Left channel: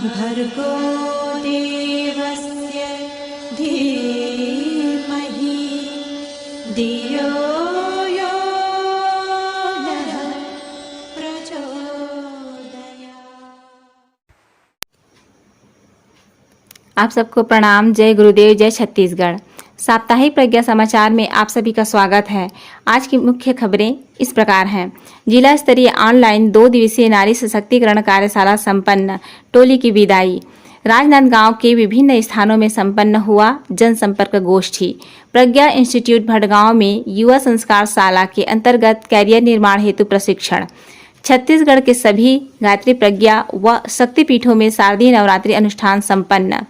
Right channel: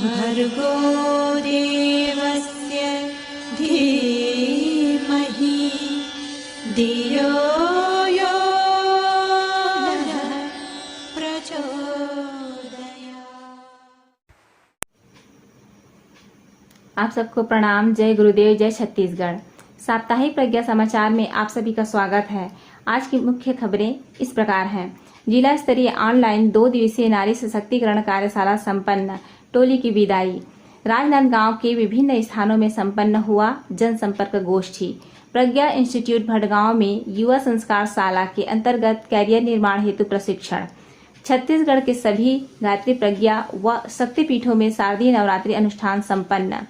भर्गो देवस्य धीमहि धियो यो नः प्रचोदयात्। आप सबको प्रणाम। जय गुरुदेव, जय छत्तीसगढ़। साप्ताहिक प्रज्ञा समाचार में आप सभी का स्वागत है। आज की मुख्य खबरें इस प्रकार हैं। जिला स्तरीय ऑनलाइन 2 दिवसीय नारी सशक्तिकरण कार्यशाला संपन्न, टोली की विदाई। राजनांदगांव के विभिन्न स्थानों में संपन्न हुआ जनसंपर्क गोष्ठी। प्रज्ञा इंस्टीट्यूट भटगांव में युवा संस्कार शाला के अंतर्गत कैरियर निर्माण हेतु प्रशिक्षण। छत्तीसगढ़ के सभी गायत्री प्रज्ञा व शक्तिपीठों में शारदीय नवरात्रि अनुष्ठान संपन्न।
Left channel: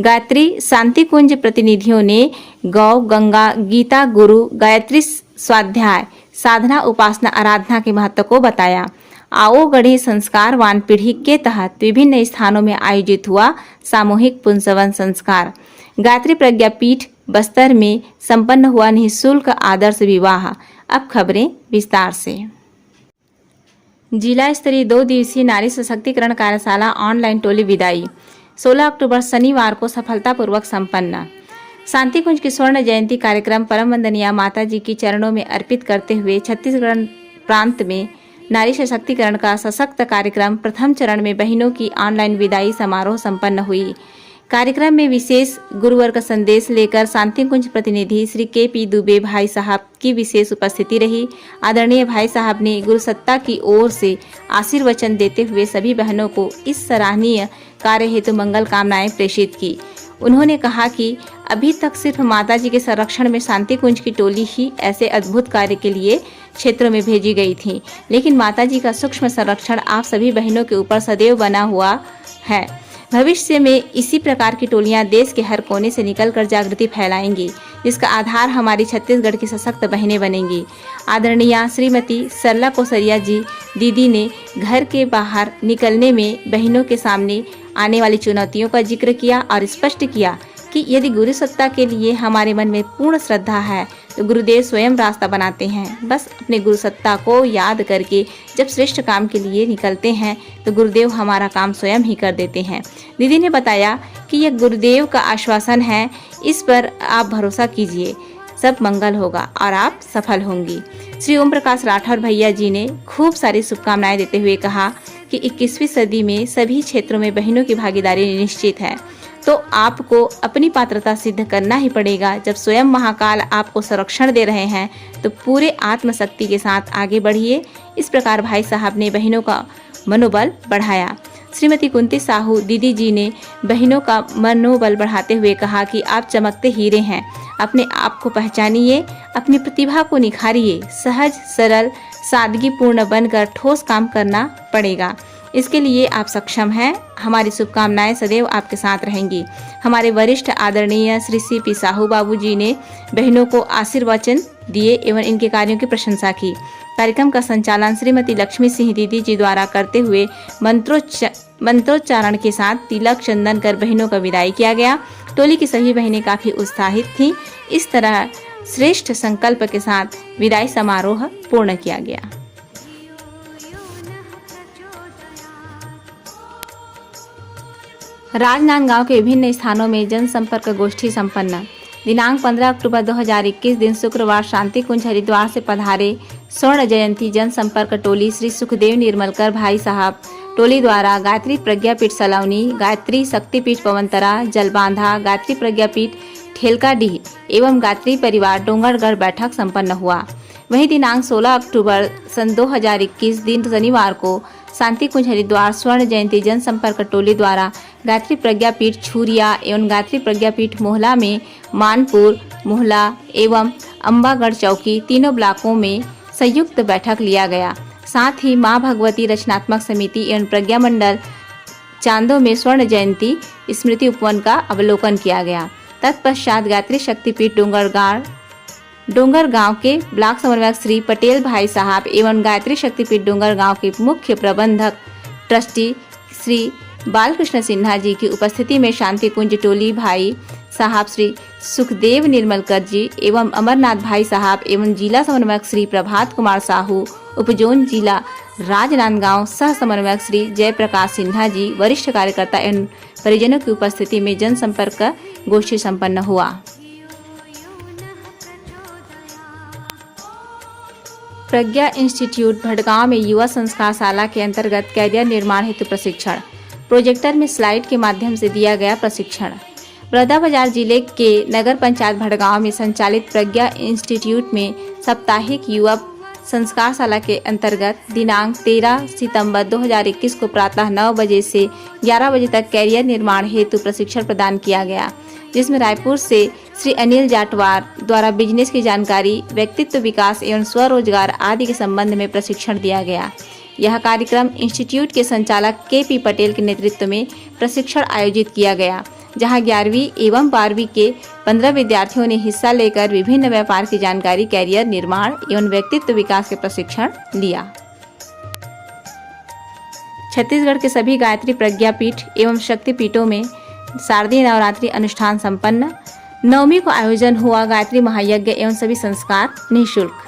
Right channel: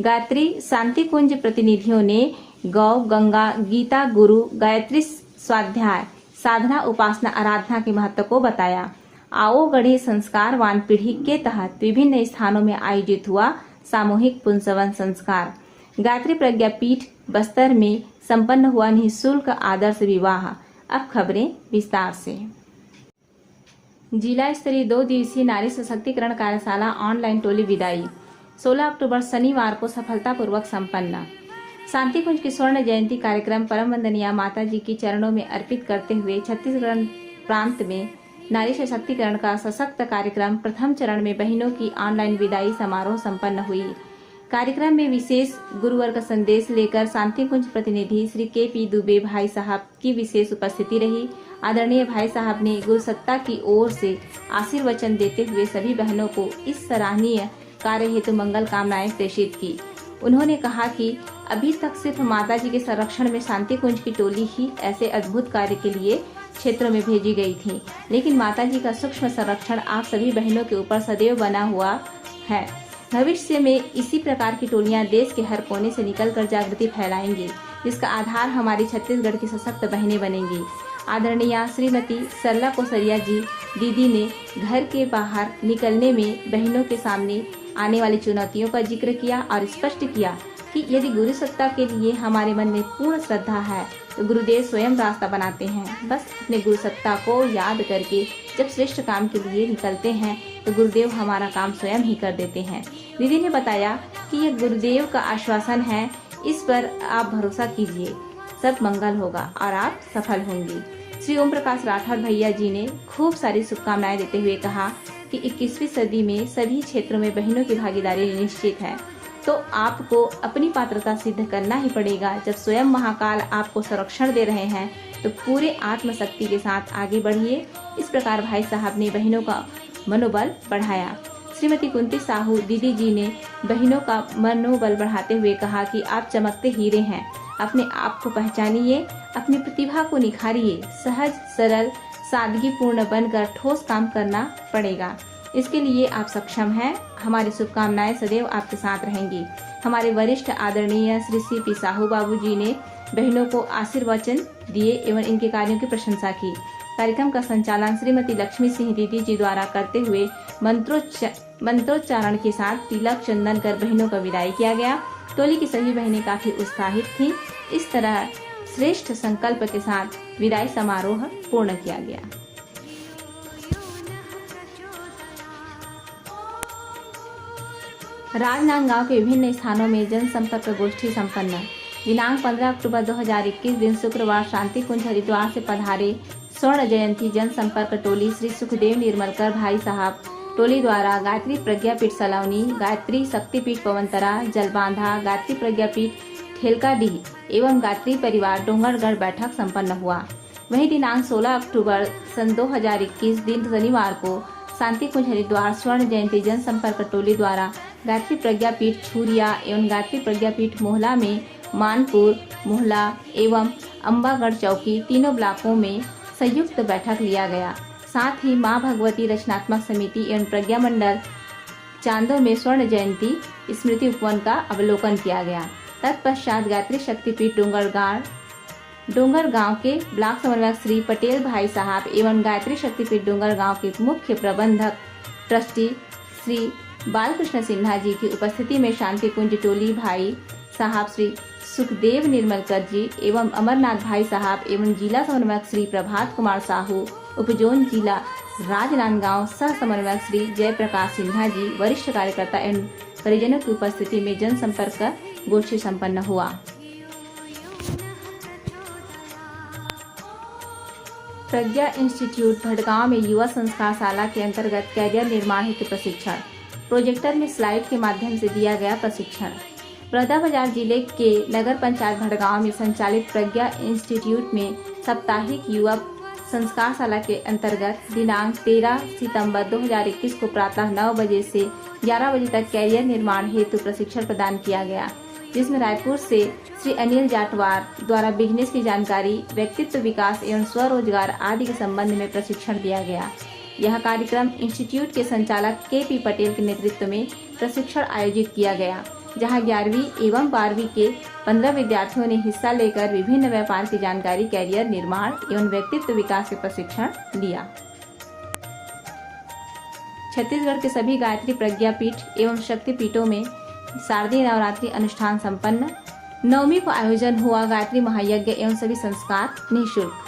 गायत्री शांति कुंज प्रतिनिधियों ने गौ, गंगा, गीता, गुरु, गायत्री स्वाध्याय, साधना, उपासना, आराधना के महत्व को बताया। आओ गढ़ी संस्कारवान पीढ़ी के तहत विभिन्न स्थानों में आयोजित हुआ सामूहिक पुंसवन संस्कार। गायत्री प्रज्ञा पीठ बस्तर में संपन्न हुआ निःशुल्क आदर्श विवाह। अब खबरें विस्तार से। जिला स्तरीय 2 दिवसीय नारी सशक्तिकरण कार्यशाला ऑनलाइन टोली विदाई 16 अक्टूबर शनिवार को सफलतापूर्वक संपन्न। शांति कुंज की स्वर्ण जयंती कार्यक्रम परम वंदनीय माता जी की चरणों में अर्पित करते हुए छत्तीसगढ़ प्रांत में नारी सशक्तिकरण का सशक्त कार्यक्रम प्रथम चरण में बहनों की ऑनलाइन विदाई समारोह संपन्न हुई। कार्यक्रम में विशेष गुरुवर का संदेश लेकर शांति कुंज प्रतिनिधि श्री के.पी. दुबे भाई साहब की विशेष उपस्थिति रही। आदरणीय भाई साहब ने गुरु सत्ता की ओर से आशीर्वचन देते हुए सभी बहनों को इस सराहनीय कार्य हेतु मंगल कामनाएं प्रेषित की। उन्होंने कहा कि अभी तक सिर्फ माता जी के संरक्षण में शांति कुंज की टोली ही ऐसे अद्भुत कार्य के लिए क्षेत्रों में भेजी गई थी, लेकिन माता जी का सूक्ष्म संरक्षण आप सभी बहनों के ऊपर सदैव बना हुआ है। भविष्य में इसी प्रकार की टोलियां देश के हर कोने से निकलकर जागृति फैलाएंगी, जिसका आधार हमारी छत्तीसगढ़ की सशक्त बहनें बनेंगी। आदरणीय श्रीमती सरला कोसरिया जी दीदी ने घर के बाहर निकलने में बहनों के सामने आने वाली चुनौतियों का जिक्र किया और स्पष्ट किया कि यदि गुरु सत्ता के लिए हमारे मन में पूर्ण श्रद्धा है तो गुरुदेव स्वयं रास्ता बनाते हैं। बस अपने गुरु सत्ता को याद करके जब श्रेष्ठ काम के लिए निकलते हैं तो गुरुदेव हमारा काम स्वयं ही कर देते हैं। दीदी ने बताया कि यह गुरुदेव का आश्वासन है, इस पर आप भरोसा कीजिए, सब मंगल होगा और आप सफल होंगी। श्री ओम प्रकाश राठौर भैया जी ने खूब सारी शुभकामनाएं देते हुए कहा कि 21वीं सदी में सभी क्षेत्रों में बहनों की भागीदारी निश्चित है, तो आपको अपनी पात्रता सिद्ध करना ही पड़ेगा। जब स्वयं महाकाल आपको संरक्षण दे रहे हैं तो पूरे आत्मशक्ति के साथ आगे बढ़िए। इस प्रकार भाई साहब ने बहनों का मनोबल बढ़ाया। श्रीमती कुंती साहू दीदी जी ने बहनों का मनोबल बढ़ाते हुए कहा कि आप चमकते हीरे हैं, अपने आप को पहचानिए, अपनी प्रतिभा को निखारिए, सहज सरल सादगीपूर्ण बनकर ठोस काम करना पड़ेगा। इसके लिए आप सक्षम हैं। हमारी शुभकामनाएं सदैव आपके साथ रहेंगी। हमारे वरिष्ठ आदरणीय श्री सी.पी. साहू बाबू जी ने बहनों को आशीर्वचन दिए एवं इनके कार्यों की प्रशंसा की। कार्यक्रम का संचालन श्रीमती लक्ष्मी सिंह दीदी जी द्वारा करते हुए मंत्रोच्चारण के साथ तिलक चंदन कर बहनों का विदाई किया गया। टोली की सभी बहनें काफी उत्साहित थीं। इस तरह श्रेष्ठ संकल्प के साथ विदाई समारोह पूर्ण किया गया। राजनांदगांव के विभिन्न स्थानों में जनसंपर्क गोष्ठी संपन्न। दिनांक 15 अक्टूबर 2021 दिन शुक्रवार शांति कुंज हरिद्वार से पधारे स्वर्ण जयंती जनसंपर्क टोली श्री सुखदेव निर्मलकर भाई साहब टोली द्वारा गायत्री प्रज्ञापीठ सलौनी, गायत्री शक्तिपीठ पवनतरा, जलबांधा, गायत्री प्रज्ञापीठ ठेलकाडीह एवं गायत्री परिवार डोंगरगढ़ बैठक संपन्न हुआ। वहीं दिनांक 16 अक्टूबर सन 2021 दिन शनिवार को शांति कुंज हरिद्वार स्वर्ण जयंती जनसंपर्क टोली द्वारा गायत्री प्रज्ञापीठ छुरिया एवं गायत्री प्रज्ञापीठ मोहला में मानपुर, मोहला एवं अम्बागढ़ चौकी तीनों ब्लॉकों में संयुक्त बैठक लिया गया। साथ ही मां भगवती रचनात्मक समिति एवं प्रज्ञा मंडल चांदो में स्वर्ण जयंती स्मृति उपवन का अवलोकन किया गया। तत्पश्चात गायत्री शक्तिपीठ डोंगरगांव के ब्लॉक समन्वयक श्री पटेल भाई साहब एवं गायत्री शक्तिपीठ डोंगरगांव के मुख्य प्रबंधक ट्रस्टी श्री बालकृष्ण सिन्हा जी की उपस्थिति में शांति कुंज टोली भाई साहब श्री सुखदेव निर्मलकर जी एवं अमरनाथ भाई साहब एवं जिला समन्वयक श्री प्रभात कुमार साहू, उपजोन जिला राजनांदगांव सह समन्वयक श्री जयप्रकाश सिन्हा जी, वरिष्ठ कार्यकर्ता एवं परिजनों की उपस्थिति में जनसंपर्क गोष्ठी संपन्न हुआ। प्रज्ञा इंस्टीट्यूट भटगांव में युवा संस्कार शाला के अंतर्गत कैरियर निर्माण हेतु प्रशिक्षण। प्रोजेक्टर में स्लाइड के माध्यम से दिया गया प्रशिक्षण। बलौदाबाजार जिले के नगर पंचायत भटगांव में संचालित प्रज्ञा इंस्टीट्यूट में साप्ताहिक युवा संस्कार शाला के अंतर्गत दिनांक 13 सितंबर 2021 को प्रातः 9 बजे से 11 बजे तक कैरियर निर्माण हेतु प्रशिक्षण प्रदान किया गया, जिसमें रायपुर से श्री अनिल जाटवार द्वारा बिजनेस की जानकारी, व्यक्तित्व विकास एवं स्वरोजगार आदि के संबंध में प्रशिक्षण दिया गया। यह कार्यक्रम इंस्टीट्यूट के संचालक के.पी. पटेल के नेतृत्व में प्रशिक्षण आयोजित किया गया, जहां 11वीं एवं 12वीं के 15 विद्यार्थियों ने हिस्सा लेकर विभिन्न व्यापार की जानकारी, कैरियर निर्माण एवं व्यक्तित्व विकास के प्रशिक्षण लिया। छत्तीसगढ़ के सभी गायत्री प्रज्ञापीठ एवं शक्तिपीठों में शारदीय नवरात्रि अनुष्ठान संपन्न। 9वीं को आयोजन हुआ गायत्री महायज्ञ एवं सभी संस्कार निःशुल्क।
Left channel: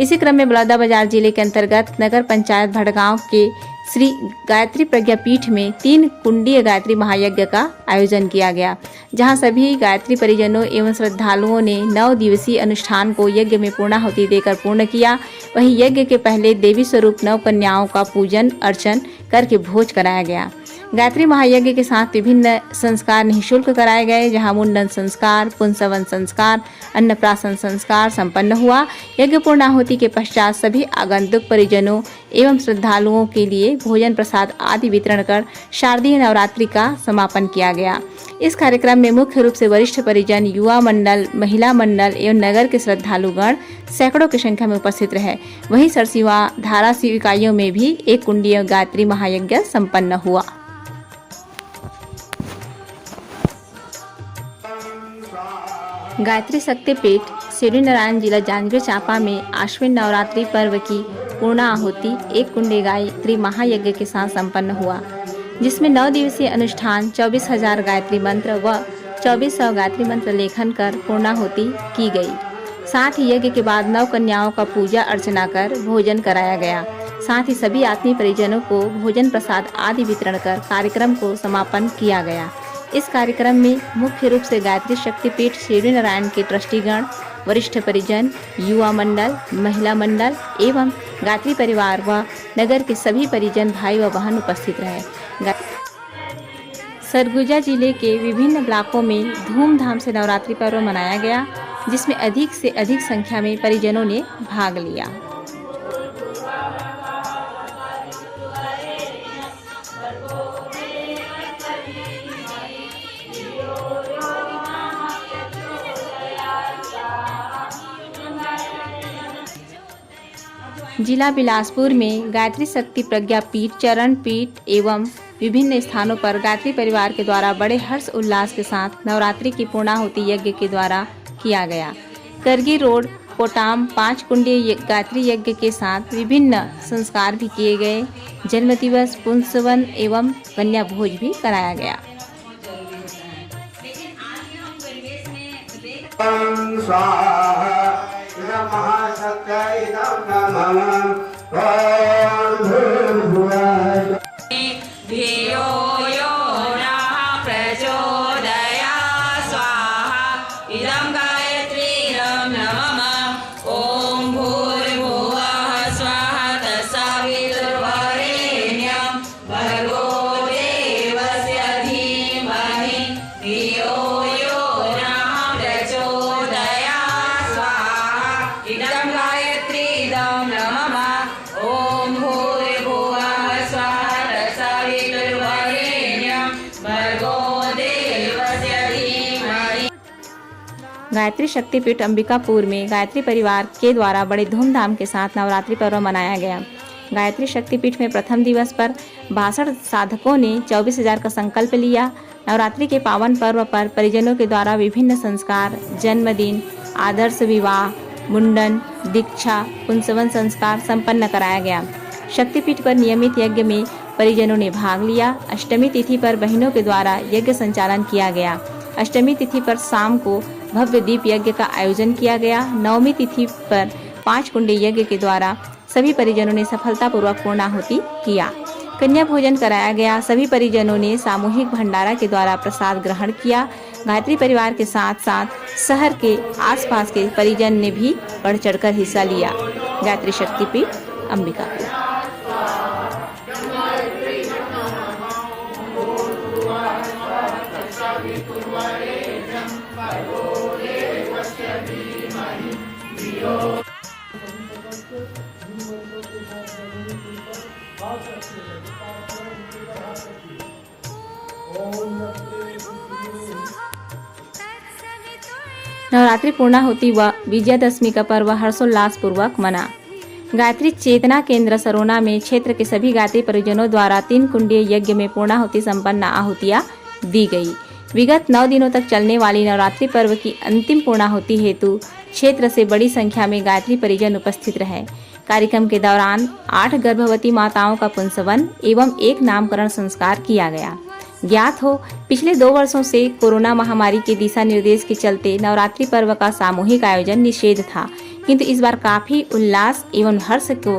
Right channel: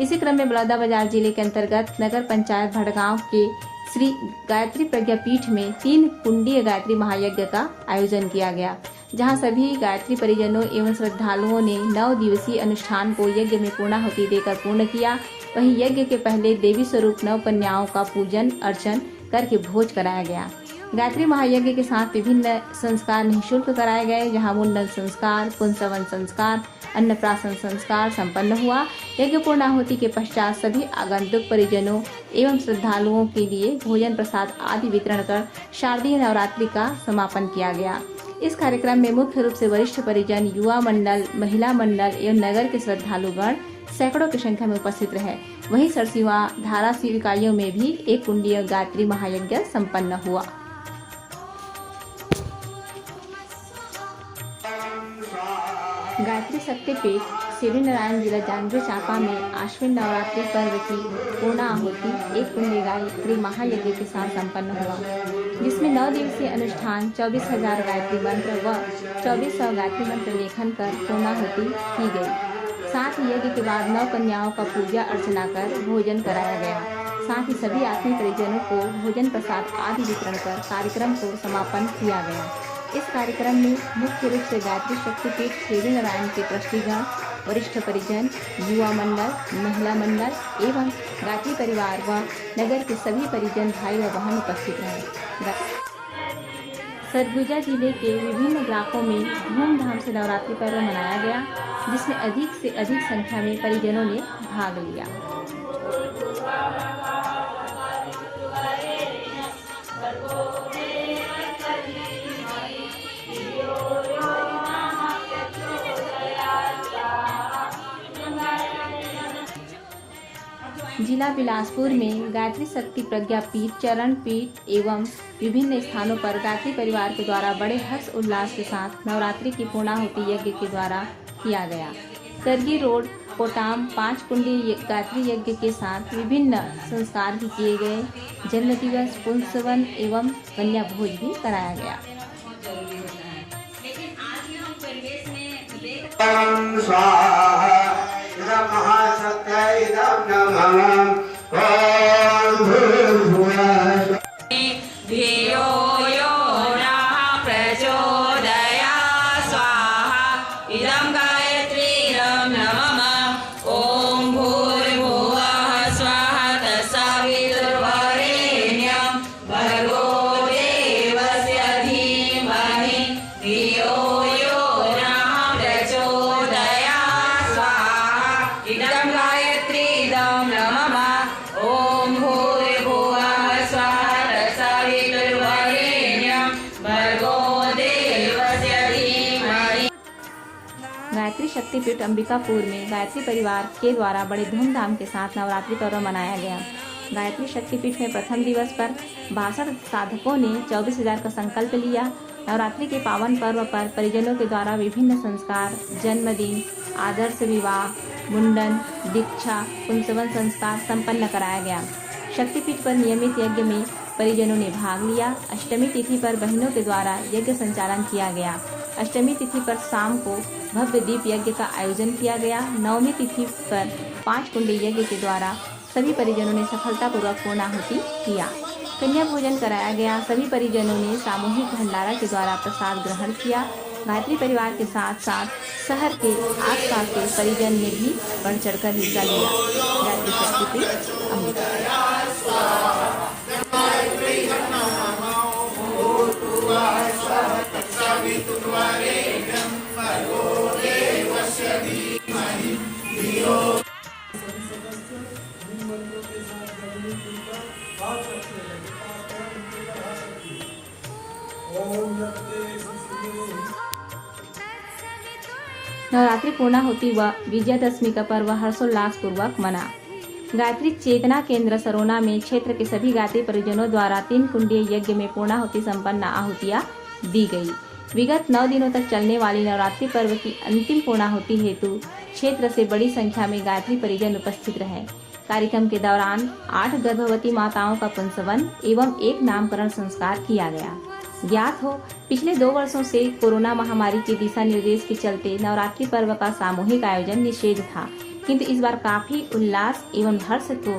इसी क्रम में बलौदाबाजार जिले के अंतर्गत नगर पंचायत भटगांव के श्री गायत्री प्रज्ञापीठ में 3 कुंडीय गायत्री महायज्ञ का आयोजन किया गया, जहां सभी गायत्री परिजनों एवं श्रद्धालुओं ने 9 दिवसीय अनुष्ठान को यज्ञ में पूर्णाहुति देकर पूर्ण किया। वहीं यज्ञ के पहले देवी स्वरूप 9 कन्याओं का पूजन अर्चन करके भोज कराया गया। गायत्री महायज्ञ के साथ विभिन्न संस्कार निःशुल्क कराए गए, जहां मुंडन संस्कार, पुंसवन संस्कार, अन्नप्राशन संस्कार संपन्न हुआ। यज्ञ पूर्णाहुति के पश्चात सभी आगंतुक परिजनों एवं श्रद्धालुओं के लिए भोजन प्रसाद आदि वितरण कर शारदीय नवरात्रि का समापन किया गया। इस कार्यक्रम में मुख्य रूप से वरिष्ठ परिजन, युवा मंडल, महिला मंडल एवं नगर के श्रद्धालुगण सैकड़ों की संख्या में उपस्थित रहे। वहीं सरसीवा, धाराशिव इकाइयों में भी 1 कुंडीय गायत्री महायज्ञ संपन्न हुआ। गायत्री शक्तिपीठ शिवरी नारायण जिला जांजगीर चांपा में आश्विन नवरात्रि पर्व की पूर्णाहुति 1 कुंडी गायत्री महायज्ञ के साथ संपन्न हुआ, जिसमें 9 दिवसीय अनुष्ठान 24,000 गायत्री मंत्र व 2400 गायत्री मंत्र लेखन कर पूर्णाहुति की गई। साथ ही यज्ञ के बाद 9 कन्याओं का पूजा अर्चना कर भोजन कराया गया। साथ ही सभी आत्मीय परिजनों को भोजन प्रसाद आदि वितरण कर कार्यक्रम को समापन किया गया। इस कार्यक्रम में मुख्य रूप से गायत्री शक्तिपीठ शिवरी नारायण के ट्रस्टीगण, वरिष्ठ परिजन, युवा मंडल, महिला मंडल एवं गायत्री परिवार व नगर के सभी परिजन, भाई व बहन उपस्थित रहे। सरगुजा जिले के विभिन्न ब्लॉकों में धूमधाम से नवरात्रि पर्व मनाया गया, जिसमें अधिक से अधिक संख्या में परिजनों ने भाग लिया। जिला बिलासपुर में गायत्री शक्ति प्रज्ञा पीठ, चरण पीठ एवं विभिन्न स्थानों पर गायत्री परिवार के द्वारा बड़े हर्ष उल्लास के साथ नवरात्रि की पूर्णाहुति यज्ञ के द्वारा किया गया। करगी रोड कोटाम 5 कुंडी गायत्री यज्ञ के साथ विभिन्न संस्कार भी किए गए। जन्म दिवस, पुंसवन एवं कन्या भोज भी कराया गया। धियो यो नः प्रचोदयात् स्वाहा इदं गायत्रीं नमः। ॐ भूर्भुवः स्वः तत्सवितुर्वरेण्यं भर्गो देवस्य धीमहि धियो यो नः प्रचोदयात् स्वाहा इदं गायत्रीं नमः। ॐ भूर्भुवः स्वः गायत्री शक्तिपीठ अंबिकापुर में गायत्री परिवार के द्वारा बड़े धूमधाम के साथ नवरात्रि पर्व मनाया गया। गायत्री शक्तिपीठ में प्रथम दिवस पर 62 साधकों ने 24,000 का संकल्प लिया। नवरात्रि के पावन पर्व पर परिजनों के द्वारा विभिन्न संस्कार, जन्मदिन, आदर्श विवाह, मुंडन, दीक्षा, पुंसवन संस्कार संपन्न कराया गया। शक्तिपीठ पर नियमित यज्ञ में परिजनों ने भाग लिया। अष्टमी तिथि पर बहनों के द्वारा यज्ञ संचालन किया गया। अष्टमी तिथि पर शाम को भव्य दीप यज्ञ का आयोजन किया गया। नवमी तिथि पर 5 कुंडी यज्ञ के द्वारा सभी परिजनों ने सफलतापूर्वक पूर्णाहुति किया। कन्या भोजन कराया गया। सभी परिजनों ने सामूहिक भंडारा के द्वारा प्रसाद ग्रहण किया। गायत्री परिवार के साथ साथ शहर के आसपास के परिजन ने भी बढ़ चढ़कर हिस्सा लिया। गायत्री शक्तिपीठ अंबिकापुर। नवरात्रि पूर्णाहुति व विजयादशमी का पर्व हर्षोल्लास पूर्वक मना। गायत्री चेतना केंद्र सरोना में क्षेत्र के सभी गायत्री परिजनों द्वारा 3 कुंडीय यज्ञ में पूर्णाहुति संपन्न आहुतियां दी गई। विगत 9 दिनों तक चलने वाली नवरात्रि पर्व की अंतिम पूर्णाहुति हेतु क्षेत्र से बड़ी संख्या में गायत्री परिजन उपस्थित रहे। कार्यक्रम के दौरान 8 गर्भवती माताओं का पुंसवन एवं 1 नामकरण संस्कार किया गया। ज्ञात हो, पिछले 2 वर्षों से कोरोना महामारी के दिशा निर्देश के चलते नवरात्रि पर्व का सामूहिक आयोजन निषेध था, किंतु इस बार काफी उल्लास एवं हर्ष को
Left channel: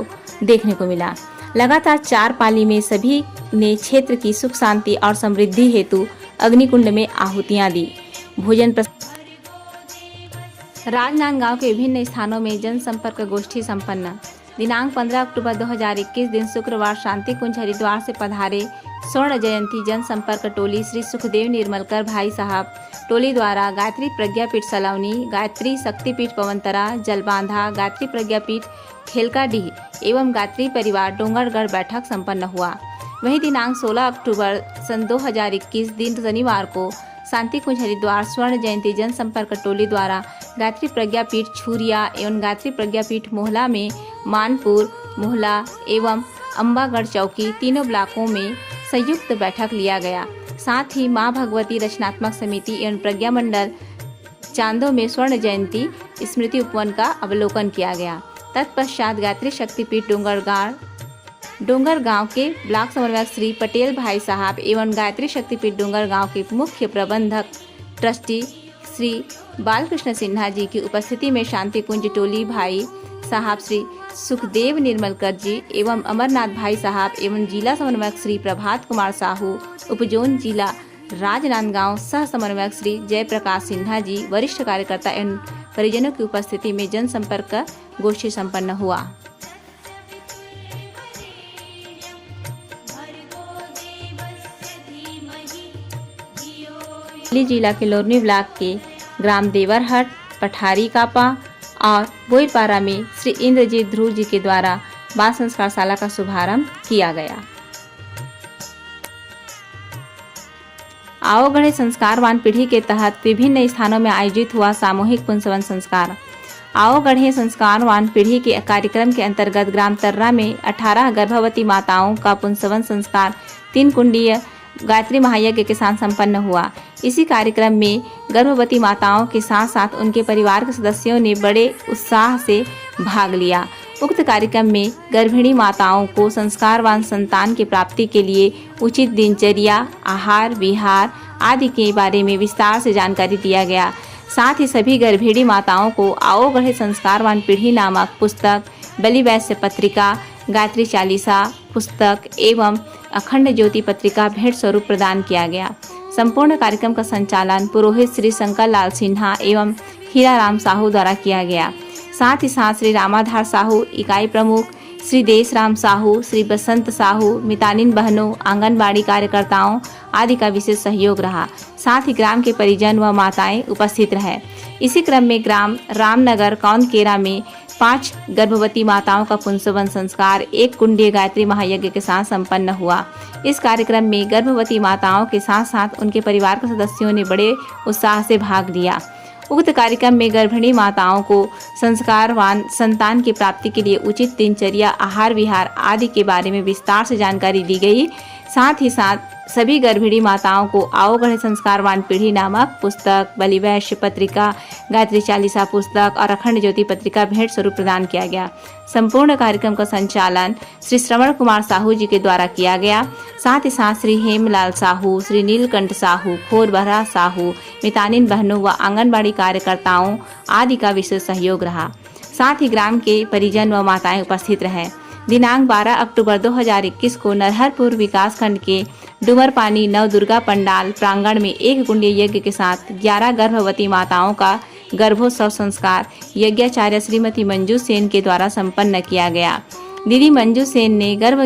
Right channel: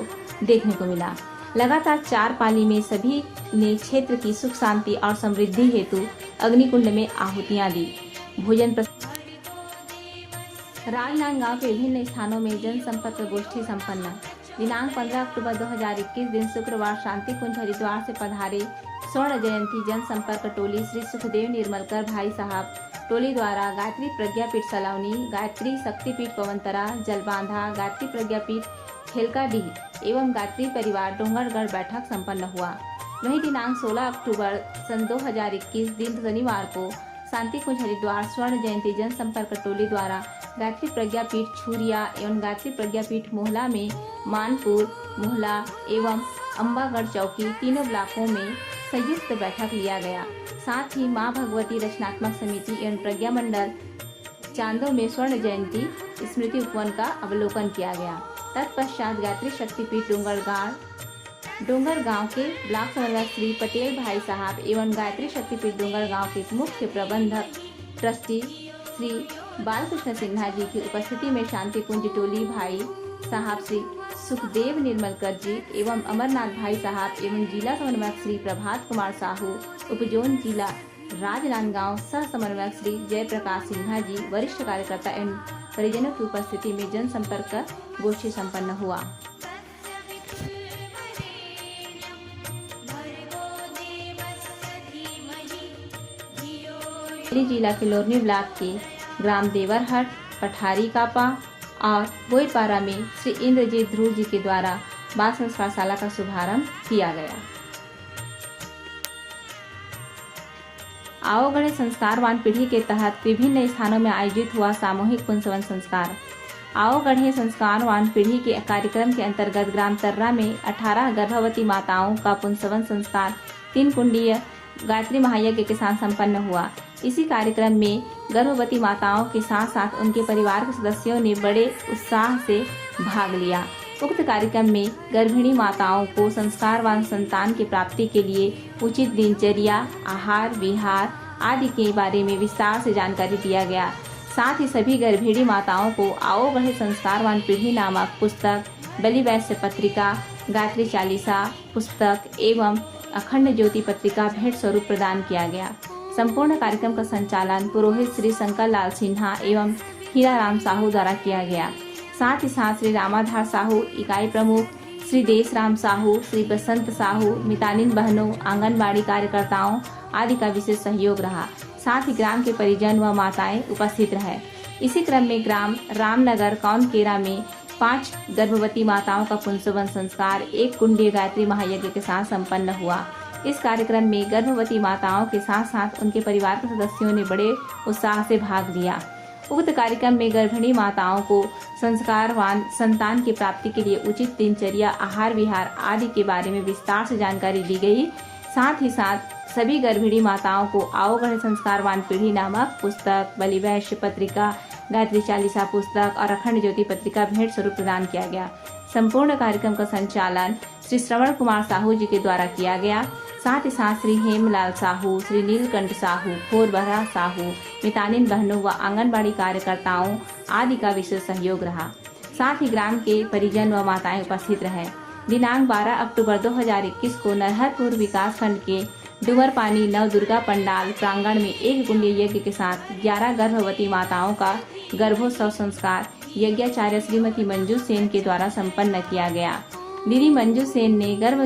देखने को मिला। लगातार 4 पाली में सभी ने क्षेत्र की सुख शांति और समृद्धि हेतु अग्निकुंड में आहुतियां दी। भोजन राजनांदगांव के विभिन्न स्थानों में जनसंपर्क गोष्ठी संपन्न। दिनांक 15 अक्टूबर 2021 दिन शुक्रवार शांति कुंज हरिद्वार से पधारे स्वर्ण जयंती जनसंपर्क टोली श्री सुखदेव निर्मलकर भाई साहब टोली द्वारा गायत्री प्रज्ञापीठ सलौनी, गायत्री शक्तिपीठ पवनतरा, जलबांधा, गायत्री प्रज्ञापीठ खेलकाडीह एवं गायत्री परिवार डोंगरगढ़ बैठक संपन्न हुआ। वहीं दिनांक 16 अक्टूबर सन 2021 दिन शनिवार को शांति कुंज हरिद्वार स्वर्ण जयंती जनसंपर्क टोली द्वारा गायत्री प्रज्ञापीठ छुरिया एवं गायत्री प्रज्ञापीठ मोहला में मानपुर, मोहला एवं अम्बागढ़ चौकी तीनों ब्लॉकों में संयुक्त बैठक लिया गया। साथ ही मां भगवती रचनात्मक समिति एवं प्रज्ञा मंडल चांदों में स्वर्ण जयंती स्मृति उपवन का अवलोकन किया गया। तत्पश्चात गायत्री शक्तिपीठ डोंगरगांव के ब्लॉक समन्वयक श्री पटेल भाई साहब एवं गायत्री शक्तिपीठ डोंगरगांव के मुख्य प्रबंधक ट्रस्टी श्री बालकृष्ण सिन्हा जी की उपस्थिति में शांति कुंज टोली भाई साहब श्री सुखदेव निर्मलकर जी एवं अमरनाथ भाई साहब एवं जिला समन्वयक श्री प्रभात कुमार साहू, उपजोन जिला राजनांदगांव सह समन्वयक श्री जयप्रकाश सिन्हा जी, वरिष्ठ कार्यकर्ता एवं परिजनों की उपस्थिति में जनसंपर्क गोष्ठी संपन्न हुआ। जिला के लोरनी ब्लॉक के ग्राम देवरहट, पठारी कापा और बोईपारा में श्री इंद्रजीत ध्रुव जी के द्वारा बाल संस्कार शाला का शुभारंभ किया गया। आओ गढ़े संस्कारवान पीढ़ी के तहत विभिन्न स्थानों में आयोजित हुआ सामूहिक पुंसवन संस्कार। आओ गढ़े संस्कारवान पीढ़ी के कार्यक्रम के अंतर्गत ग्राम तर्रा में 18 गर्भवती माताओं का पुंसवन संस्कार 3 कुंडीय गायत्री महायज्ञ के साथ संपन्न हुआ। इसी कार्यक्रम में गर्भवती माताओं के साथ साथ उनके परिवार के सदस्यों ने बड़े उत्साह से भाग लिया। उक्त कार्यक्रम में गर्भिणी माताओं को संस्कारवान संतान की प्राप्ति के लिए उचित दिनचर्या, आहार विहार आदि के बारे में विस्तार से जानकारी दिया गया। साथ ही सभी गर्भिणी माताओं को आओ गढ़े संस्कारवान पीढ़ी नामक पुस्तक, बलिवैश्य पत्रिका, गायत्री चालीसा पुस्तक एवं अखंड ज्योति पत्रिका भेंट स्वरूप प्रदान किया गया। संपूर्ण कार्यक्रम का संचालन पुरोहित श्री शंकर लाल सिन्हा एवं हीराराम साहू द्वारा किया गया। साथ ही साथ श्री रामाधार साहू इकाई प्रमुख, श्री देशराम साहू, श्री बसंत साहू, मितानिन बहनों, आंगनबाड़ी कार्यकर्ताओं आदि का विशेष सहयोग रहा। साथ ही ग्राम के परिजन व माताएं उपस्थित रहे। इसी क्रम में ग्राम रामनगर कौनकेरा में 5 गर्भवती माताओं का पुंसवन संस्कार 1 कुंडीय गायत्री महायज्ञ के साथ संपन्न हुआ। इस कार्यक्रम में गर्भवती माताओं के साथ साथ उनके परिवार के सदस्यों ने बड़े उत्साह से भाग लिया। उक्त कार्यक्रम में गर्भिणी माताओं को संस्कारवान संतान की प्राप्ति के लिए उचित दिनचर्या, आहार विहार आदि के बारे में विस्तार से जानकारी दी गई। साथ ही साथ सभी गर्भिणी माताओं को आओ गढ़े संस्कारवान पीढ़ी नामक पुस्तक, बलिवैश्य पत्रिका, गायत्री चालीसा पुस्तक और अखंड ज्योति पत्रिका भेंट स्वरूप प्रदान किया गया। संपूर्ण कार्यक्रम का संचालन श्री श्रवण कुमार साहू जी के द्वारा किया गया। साथ ही साथ श्री हेमलाल साहू, श्री नीलकंठ साहू, खोरबहरा साहू, मितानिन बहनों व आंगनबाड़ी कार्यकर्ताओं आदि का विशेष सहयोग रहा। साथ ही ग्राम के परिजन व माताएं उपस्थित रहे। दिनांक 12 अक्टूबर 2021 को नरहरपुर विकासखंड के डुमरपानी नवदुर्गा पंडाल प्रांगण में एक कुंडीय यज्ञ के साथ 11 गर्भवती माताओं का गर्भोत्सव संस्कार यज्ञाचार्य श्रीमती मंजू सेन के द्वारा संपन्न किया गया। दीदी मंजू सेन ने गर्भ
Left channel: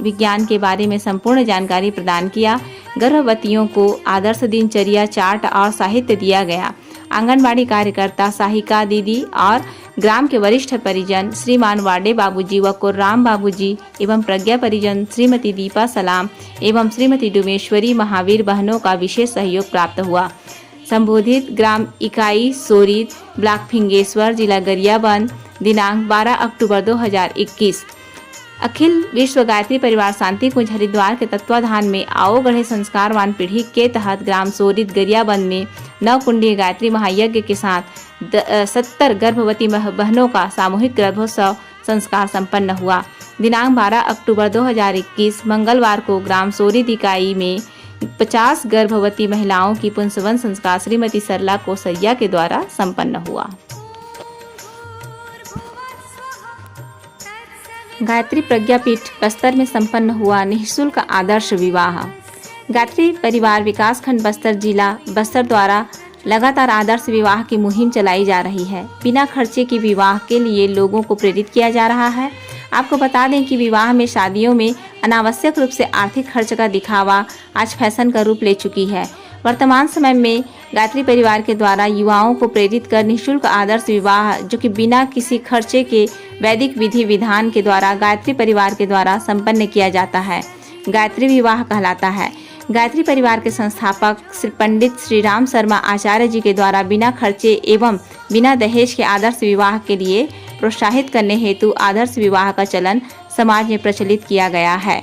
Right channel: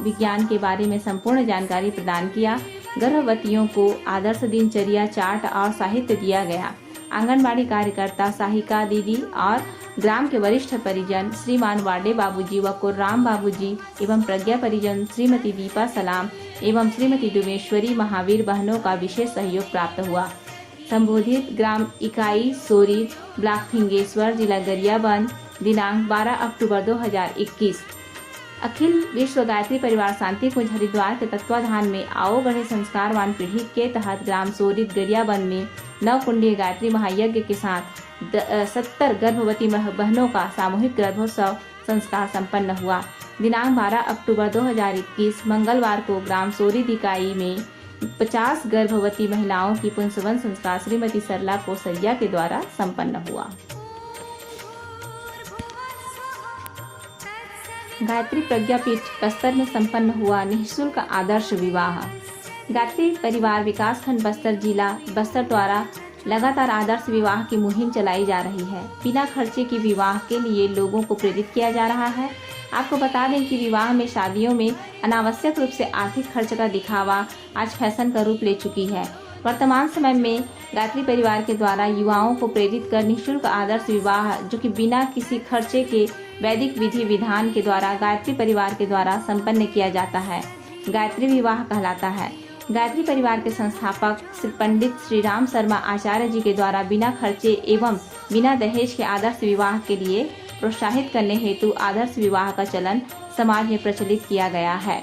विज्ञान के बारे में संपूर्ण जानकारी प्रदान किया। गर्भवतियों को आदर्श दिनचर्या चार्ट और साहित्य दिया गया। आंगनबाड़ी कार्यकर्ता साहिका दीदी और ग्राम के वरिष्ठ परिजन श्रीमान वाडे बाबूजी व कुर्राम बाबूजी एवं प्रज्ञा परिजन श्रीमती दीपा सलाम एवं श्रीमती डुमेश्वरी महावीर बहनों का विशेष सहयोग प्राप्त हुआ। संबोधित ग्राम इकाई सोरीत ब्लॉक फिंगेश्वर जिला गरियाबंद दिनांक 12 अक्टूबर 2021। अखिल विश्व गायत्री परिवार शांति कुंज हरिद्वार के तत्वाधान में आओ गढ़े संस्कारवान पीढ़ी के तहत ग्राम सोरित गरियाबंद में 9 कुंडीय गायत्री महायज्ञ के साथ 70 गर्भवती बहनों का सामूहिक गर्भोत्सव संस्कार संपन्न हुआ। दिनांक 12 अक्टूबर 2021 मंगलवार को ग्राम सोरित इकाई में 50 गर्भवती महिलाओं की पुंसवन संस्कार श्रीमती सरला कोसैया के द्वारा संपन्न हुआ। गायत्री प्रज्ञापीठ बस्तर में संपन्न हुआ निःशुल्क आदर्श विवाह। गायत्री परिवार विकासखंड बस्तर जिला बस्तर द्वारा लगातार आदर्श विवाह की मुहिम चलाई जा रही है। बिना खर्चे की विवाह के लिए लोगों को प्रेरित किया जा रहा है। आपको बता दें कि विवाह में शादियों में अनावश्यक रूप से आर्थिक खर्च का दिखावा आज फैशन का रूप ले चुकी है। वर्तमान समय में गायत्री परिवार के द्वारा युवाओं को प्रेरित कर निःशुल्क आदर्श विवाह जो कि बिना किसी खर्चे के वैदिक विधि विधान के द्वारा गायत्री परिवार के द्वारा संपन्न किया जाता है, गायत्री विवाह कहलाता है। गायत्री परिवार के संस्थापक श्री पंडित श्री राम शर्मा आचार्य जी के द्वारा बिना खर्चे एवं बिना दहेज के आदर्श विवाह के लिए प्रोत्साहित करने हेतु आदर्श विवाह का चलन समाज में प्रचलित किया गया है।